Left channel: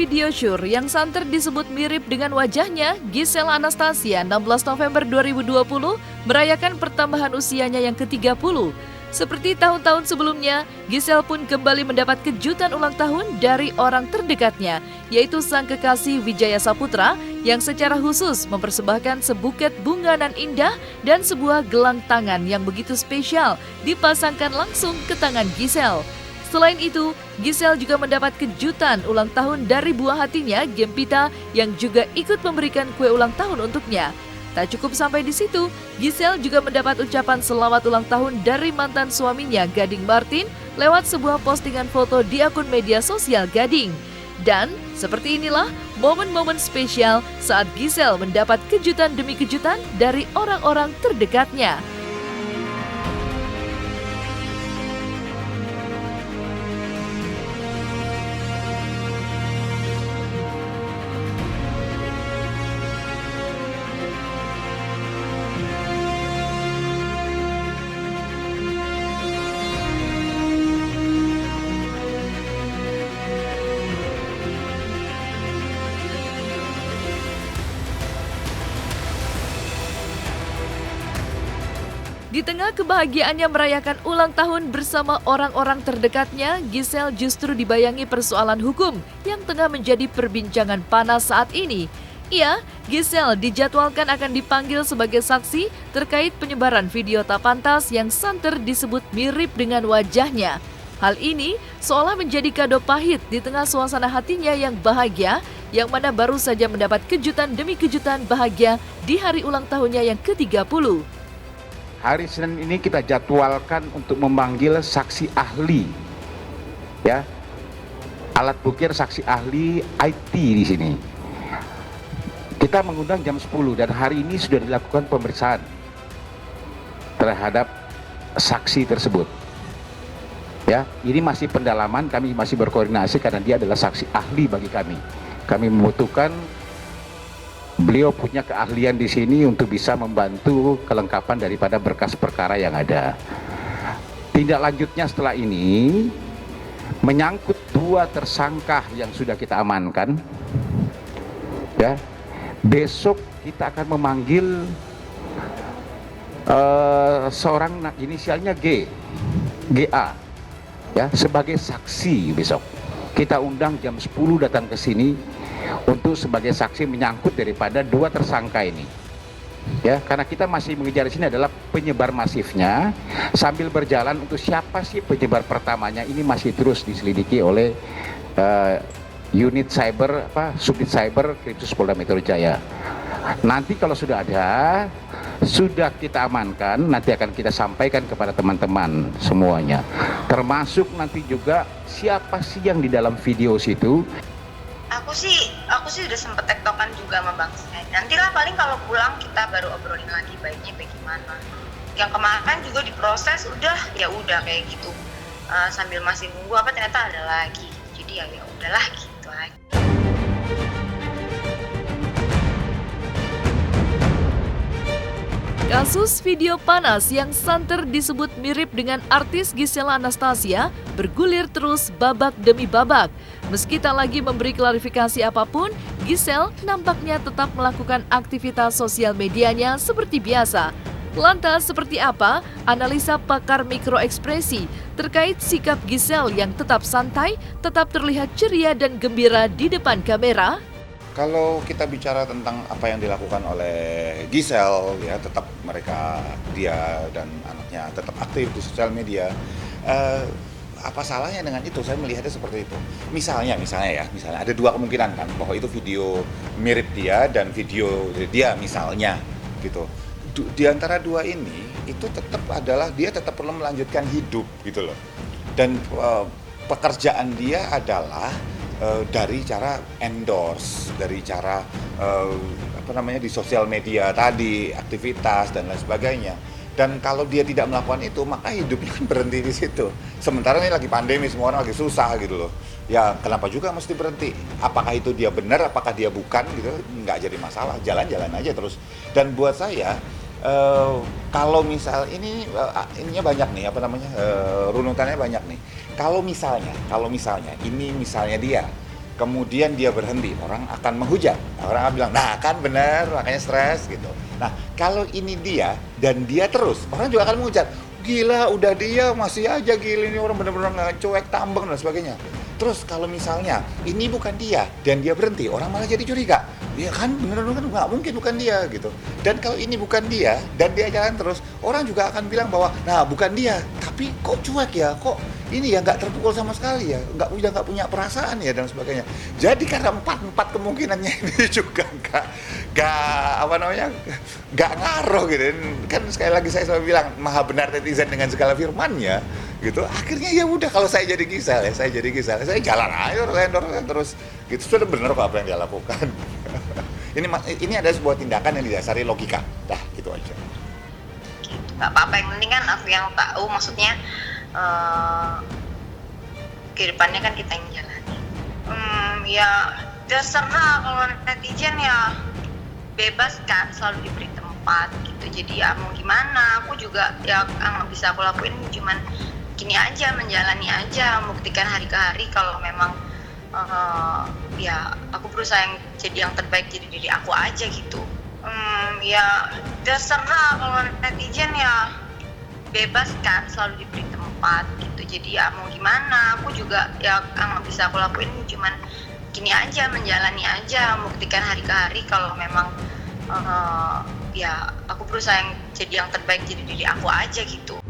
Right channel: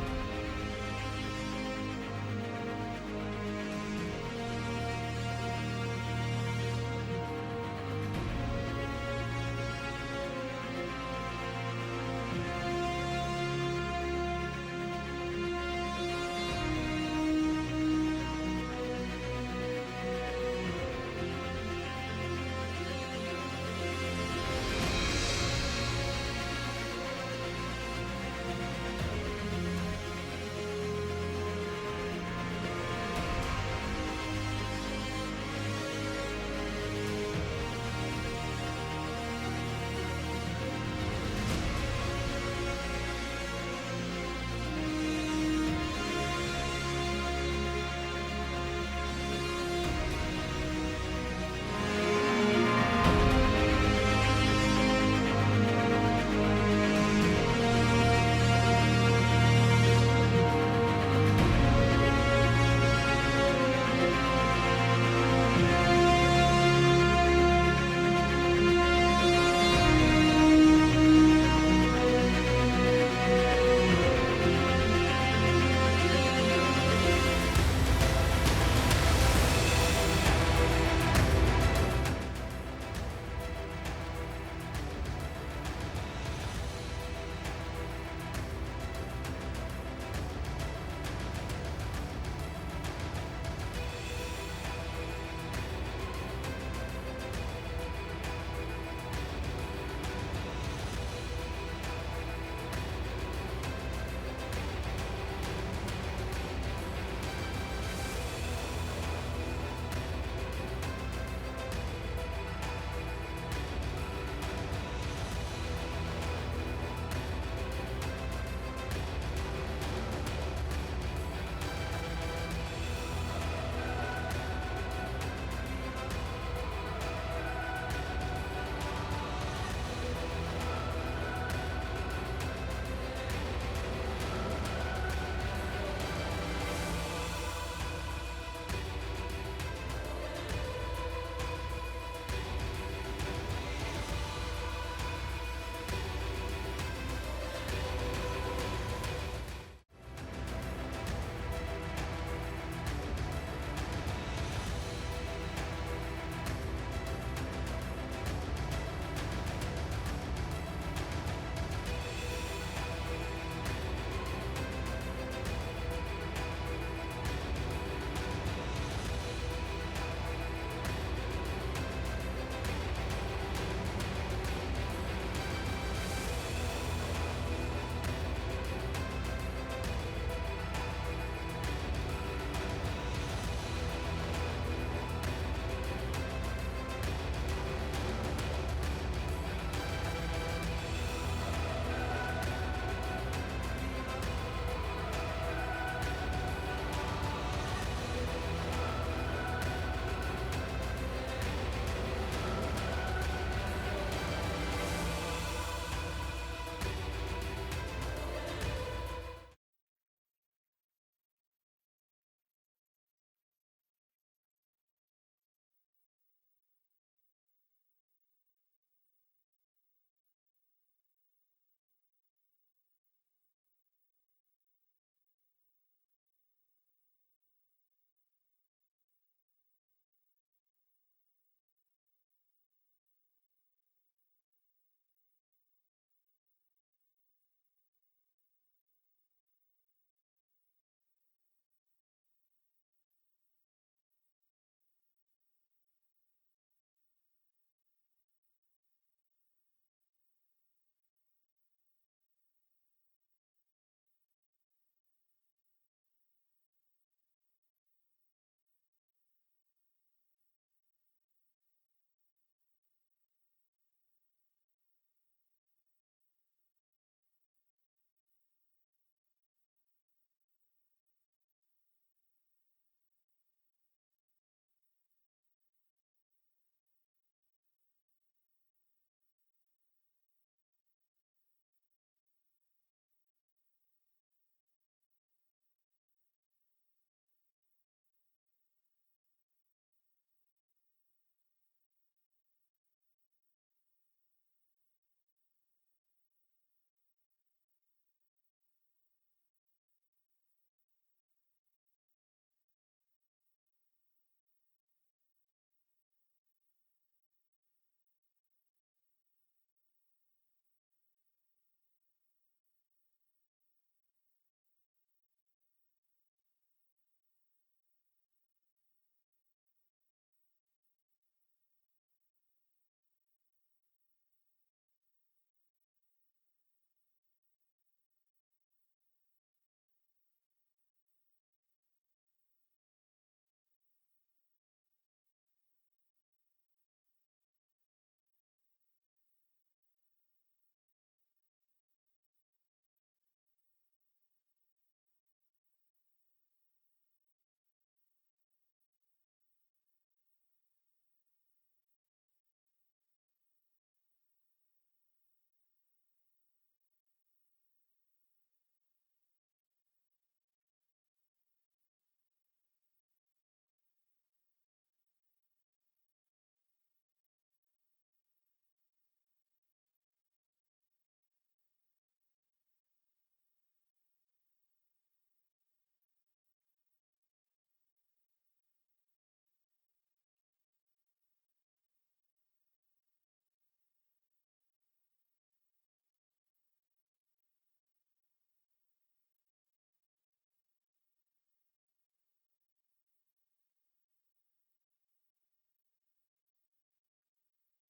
video syur yang santer disebut mirip dengan wajahnya, Giselle Anastasia 16 November 2020 merayakan pertambahan usianya yang ke-30. Seperti tahun-tahun sebelumnya, Giselle pun kembali mendapat kejutan ulang tahun dari orang terdekatnya, yaitu sang kekasih Wijaya Saputra yang secara khusus mempersembahkan sebuket bunga nan indah dan sebuah gelang tangan yang begitu spesial dipasangkan langsung ke tangan Giselle. Selain itu, Giselle juga mendapat kejutan ulang tahun dari buah hatinya, Gempita, yang juga ikut memberikan kue ulang tahun untuknya. Tak cukup sampai di situ, Giselle juga mendapat ucapan selamat ulang tahun dari mantan suaminya, Gading Martin, lewat sebuah postingan foto di akun media sosial Gading. Dan seperti inilah momen-momen spesial saat Giselle mendapat kejutan demi kejutan dari orang-orang terdekatnya. Di tengah kebahagiaannya merayakan ulang tahun bersama orang-orang terdekatnya, Giselle justru dibayangi persoalan hukum yang tengah menjadi perbincangan panas saat ini. Giselle dijadwalkan akan dipanggil sebagai saksi terkait penyebaran video tak pantas yang santer disebut mirip dengan wajahnya. Hal ini seolah menjadi kado pahit di tengah suasana hatinya yang bahagia, yang mana baru saja mendapat kejutan demi kejutan bahagia di hari ulang tahunnya yang ke-30. Hari Senin ini kita jadwalkan untuk memanggil saksi ahli, ya, alat bukti saksi ahli IT di sini. Kita mengundang jam 10 dan hari ini sudah dilakukan pemeriksaan terhadap saksi tersebut. Ya, ini masih pendalaman, kami masih berkoordinasi karena dia adalah saksi ahli bagi kami. Kami membutuhkan beliau punya keahlian di sini untuk bisa membantu kelengkapan daripada berkas perkara yang ada. Tindak lanjutnya setelah ini menyangkut dua tersangka yang sudah kita amankan. Ya, besok kita akan memanggil seorang inisialnya GA, ya, sebagai saksi besok. Kita undang jam 10 datang ke sini untuk sebagai saksi menyangkut daripada dua tersangka ini. Ya, karena kita masih mengejar di sini adalah penyebar masifnya, sambil berjalan untuk siapa sih penyebar pertamanya ini masih terus diselidiki oleh unit cyber subdit cyber Krimsus Polda Metro Jaya. Nanti kalau sudah ada, sudah kita amankan, nanti akan kita sampaikan kepada teman-teman semuanya. Termasuk nanti juga siapa sih yang di dalam video situ. Aku sih udah sempet tektokan juga sama Bang Sen. Nanti lah paling kalau pulang kita baru obrolin lagi baiknya bagaimana. Yang kemarin juga diproses udah kayak gitu. Sambil masih nunggu apa ternyata ada lagi. Jadi ya udahlah gitu aja. Kasus video panas yang santer disebut mirip dengan artis Giselle Anastasia bergulir terus babak demi babak. Meski tak lagi memberi klarifikasi apapun, Giselle nampaknya tetap melakukan aktivitas sosial medianya seperti biasa. Lantas seperti apa analisa pakar mikroekspresi terkait sikap Giselle yang tetap santai, tetap terlihat ceria dan gembira di depan kamera? Kalau kita bicara tentang apa yang dilakukan oleh Giselle, ya tetap dia dan anaknya tetap aktif di sosial media. Apa salahnya dengan itu? Saya melihatnya seperti itu. Misalnya ada dua kemungkinan kan, bahwa itu video mirip dia dan video dia misalnya gitu. Di antara dua ini itu dia tetap perlu melanjutkan hidup gitu loh. Dan pekerjaan dia adalah dari cara endorse, dari cara di sosial media tadi, aktivitas dan lain sebagainya. Dan kalau dia tidak melakukan itu, maka hidupnya kan berhenti di situ. Sementara ini lagi pandemi, semua orang lagi susah gitu loh. Ya kenapa juga mesti berhenti? Apakah itu dia benar, apakah dia bukan gitu? Nggak jadi masalah, jalan-jalan aja terus. Dan buat saya, kalau misal ininya banyak nih, runutannya banyak nih. Kalau misalnya ini misalnya dia, kemudian dia berhenti, orang akan menghujat. Orang akan bilang, nah kan benar, makanya stres gitu. Nah, kalau ini dia dan dia terus, orang juga akan menghujat. Gila, udah dia masih aja gila, ini orang benar-benar nggak cuek, tambang dan sebagainya. Terus kalau misalnya ini bukan dia dan dia berhenti, orang malah jadi curiga. Iya kan, bener-bener kan nggak mungkin bukan dia gitu. Dan kalau ini bukan dia dan dia jalan terus, orang juga akan bilang bahwa, nah bukan dia, tapi kok cuek ya, kok ini ya nggak terpukul sama sekali ya, nggak punya perasaan ya dan sebagainya. Jadi karena empat kemungkinannya ini juga nggak ngaruh gitu. Kan sekali lagi saya selalu bilang maha benar netizen dengan segala firmannya gitu. Akhirnya ya udah, kalau saya jadi Gisel ya, saya jalan aja terus gitu. Sudah benar kok apa yang dia lakukan. ini ada sebuah tindakan yang didasari logika. Dah gitu aja. Nggak apa-apa, yang penting kan aku yang tahu, maksudnya kehidupannya kan kita yang jalani. Ya terserah, kalau netizen ya bebas kan, selalu diberi tempat gitu. Jadi ya mau gimana, aku juga ya yang bisa aku lakuin cuman gini aja, menjalani aja, membuktikan hari ke hari kalau memang ya aku berusaha jadi yang terbaik, jadi diri aku aja gitu. Ya terserah, kalau netizen ya bebas kan, selalu diberi tempat gitu. Jadi ya mau gimana, aku juga ya yang bisa aku lakuin cuman gini aja, menjalani aja, membuktikan hari ke hari kalau memang ya aku berusaha jadi yang terbaik, jadi diri aku aja gitu.